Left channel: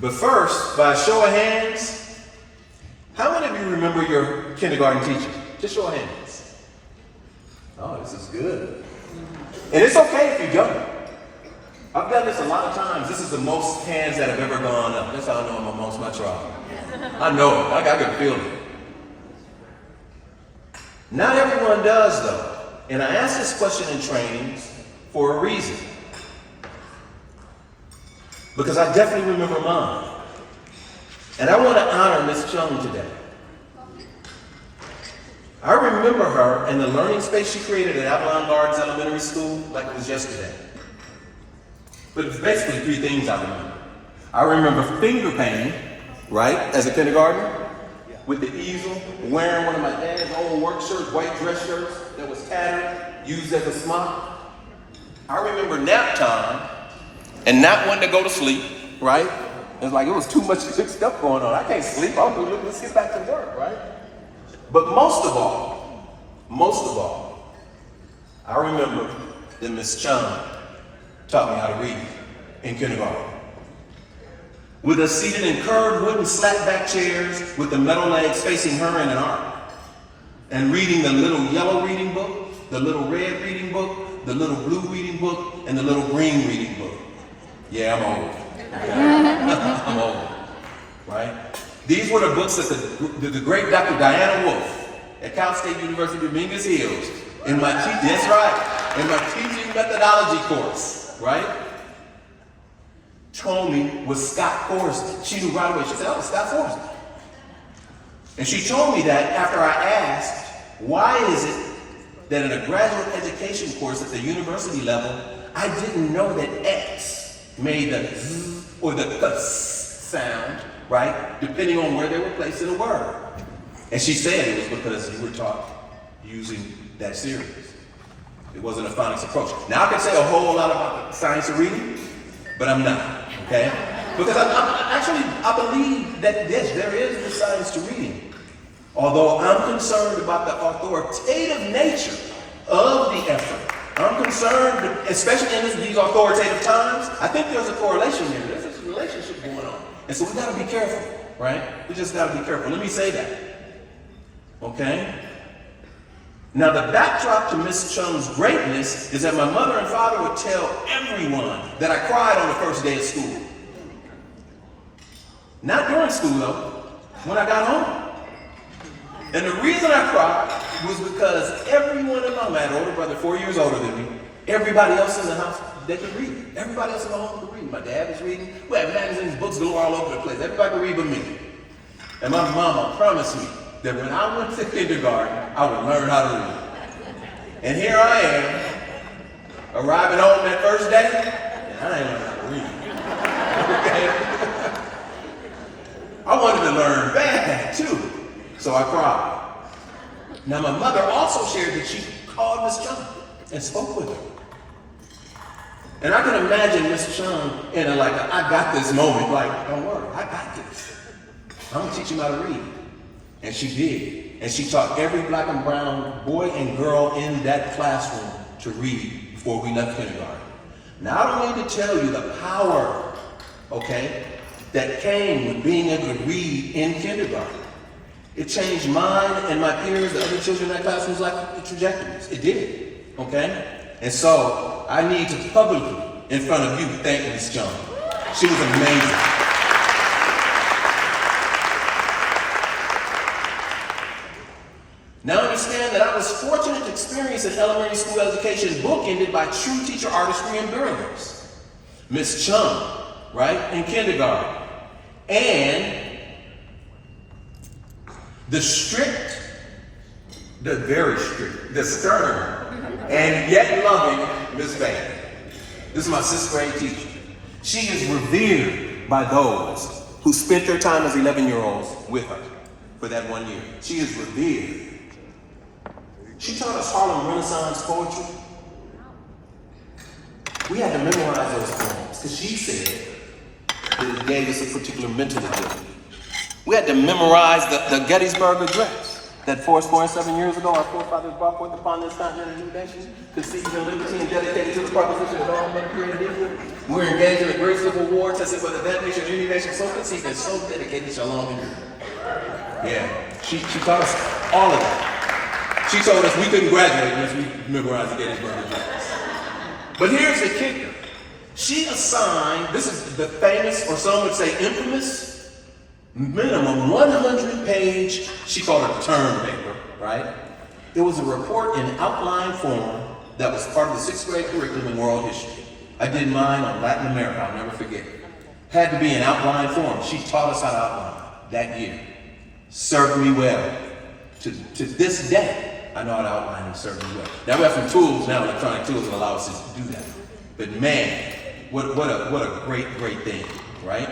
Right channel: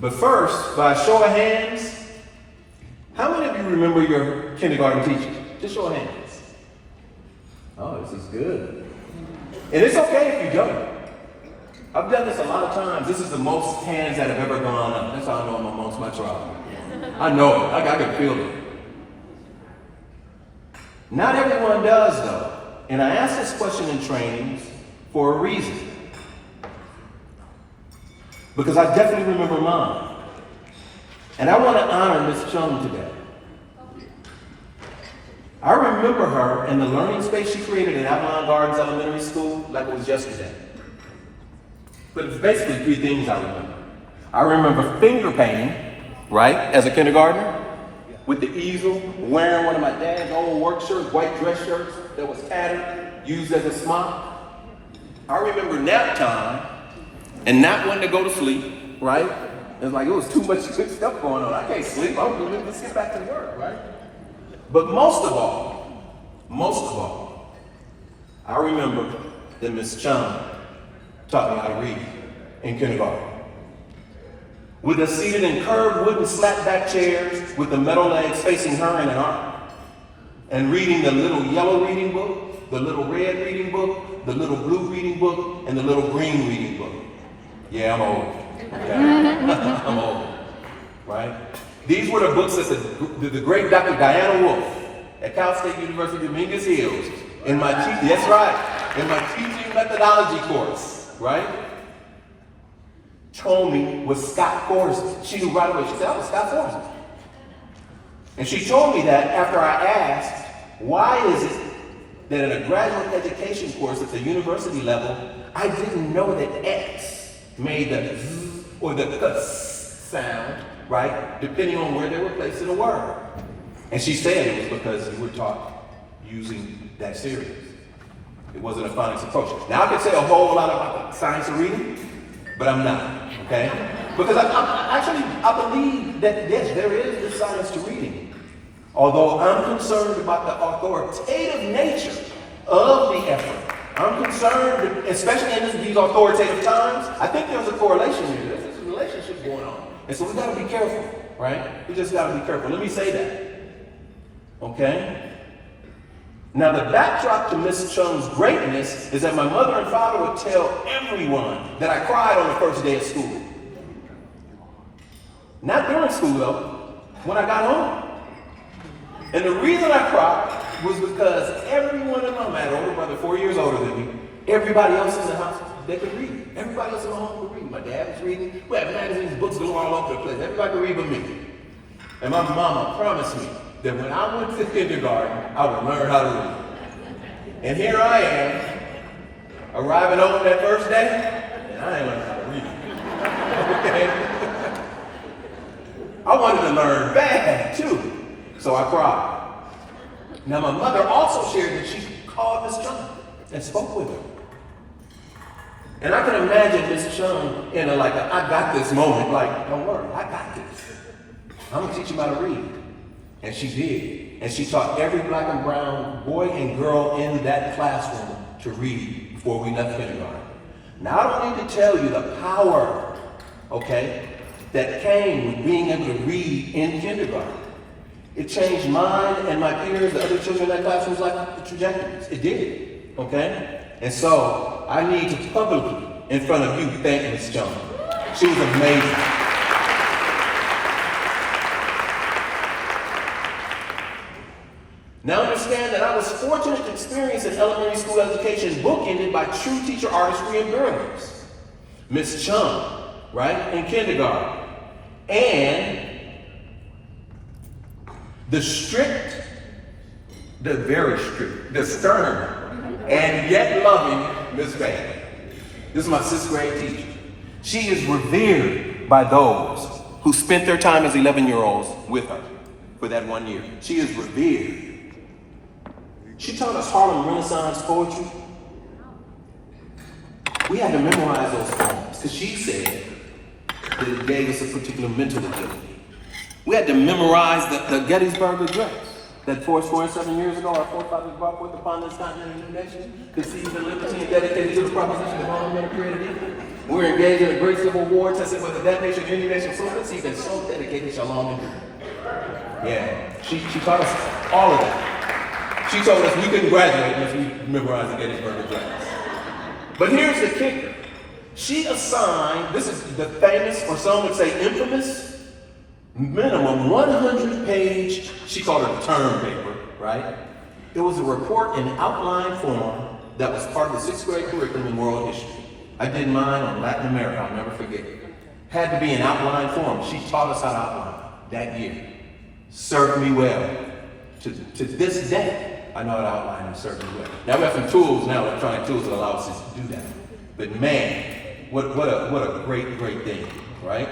But first, by a show of hands, how many of you remember your kindergarten teacher? Just show of hands. Oh, this is good. And it's okay if you don't. I've done this a lot of times. This is the most hands that have ever gone up. That's how I know I'm amongst my tribe. I know it. I can feel it. Not everyone does, though. And I ask this question in trainings for a reason. Because I definitely remember mine. And I want to honor Miss Chung today. I remember her in the learning space she created at Avalon Gardens Elementary School like it was yesterday. But it's basically three things I remember. I remember finger painting, right, as a kindergartner, with the easel, wearing one of my dad's old work shirts, white dress shirts that was tattered, used as a smock. I remember nap time and not wanting to go to sleep, right? It's like it was too much good stuff going on. I can't sleep. Let's get back to work, right? But most of all, I remember that Miss Chung taught me how to read in kindergarten. With us seated in curved wooden slat-back chairs with the metal legs facing her in an arc, and reading the little yellow reading book, the little red reading book, the little blue reading book, and the little green reading book. Yeah, I'm old. Okay? I'm old, right? These were the books that the great Dr. Diana Wolf at Cal State University, Dominguez Hills, in my teaching methodology course, right? Told me was Scott Forsby. She knew right away. She said, "I was Scott Forsby." And she told me that after I asked, why is it that in a graduate education course at the university level, I didn't know that X made the Z or the S sound, right? Depending on where they were placed in a word. And she said it was because you were taught using that series. It wasn't a phonics approach. Now I could say a whole lot about the science of reading, but I'm not, okay? Because I believe that yes, there is this science to reading. Although I'm concerned about the authoritative nature of the effort. I'm concerned, especially in these authoritative times, I think there's a correlation here. There's this relationship going on. And so we gotta be careful, right? We just gotta be careful. Let me say that, okay? Now the backdrop to Miss Chung's greatness is that my mother and father would tell everyone that I cried on the first day of school. Not during school though, when I got home. And the reason I cried was because everyone in my life, I had an older brother 4 years older than me, everybody else in the house, they could read. Everybody else in the home could read. My dad was reading. We had magazines, books going all over the place. Everybody could read but me. And my mama promised me that when I went to kindergarten, I would learn how to read. And here I am, arriving home that first day, and I ain't learned how to read. Okay? I wanted to learn bad too. So I cried. Now my mother also shared that she called Miss Chung and spoke with her. And I can imagine Miss Chung in a I got this moment, like, don't worry, I got this. I'm gonna teach you how to read. And she did. And she taught every black and brown boy and girl in that classroom to read before we left kindergarten. Now I don't need to tell you the power, okay, that came with being able to read in kindergarten. It changed mine and my peers, the other children in that classroom's life trajectories. It did, okay? And so I need to publicly, in front of you, thank Ms. Chung. She was amazing. Now understand that I was fortunate to experience an elementary school education bookended by true teacher artistry and brilliance. Ms. Chung, right, in kindergarten. And the strict, the very strict, the stern, and yet loving Miss Bailey. This is my 6th grade teacher. She is revered by those who spent their time as 11-year-olds with her for that 1 year. She is revered. She taught us Harlem Renaissance poetry. We had to memorize those poems because she said that it gave us a particular mental ability. We had to memorize the Gettysburg Address. that 4.7 years ago our forefathers brought forth upon this continent and new nation, conceived in liberty and dedicated to the proposition of government and created it. We're engaged in a great civil war, tested whether that nation or any nation so conceived and so dedicated shall long endure. Yeah, she taught us all of that. She told us we couldn't graduate unless we memorized the Gettysburg Address. But here's the kicker. She assigned, this is the famous, or some would say infamous, minimum 100-page, she called it a term paper, right? It was a report in outline form that was part of the 6th grade curriculum in world history. I did mine on Latin America, I'll never forget it. Had to be in outline form. She taught us how to outline that year. Served me well. To this day, I know how to outline and served me well. Now we have some tools now, electronic tools that allow us to do that. But man, what a great thing, right?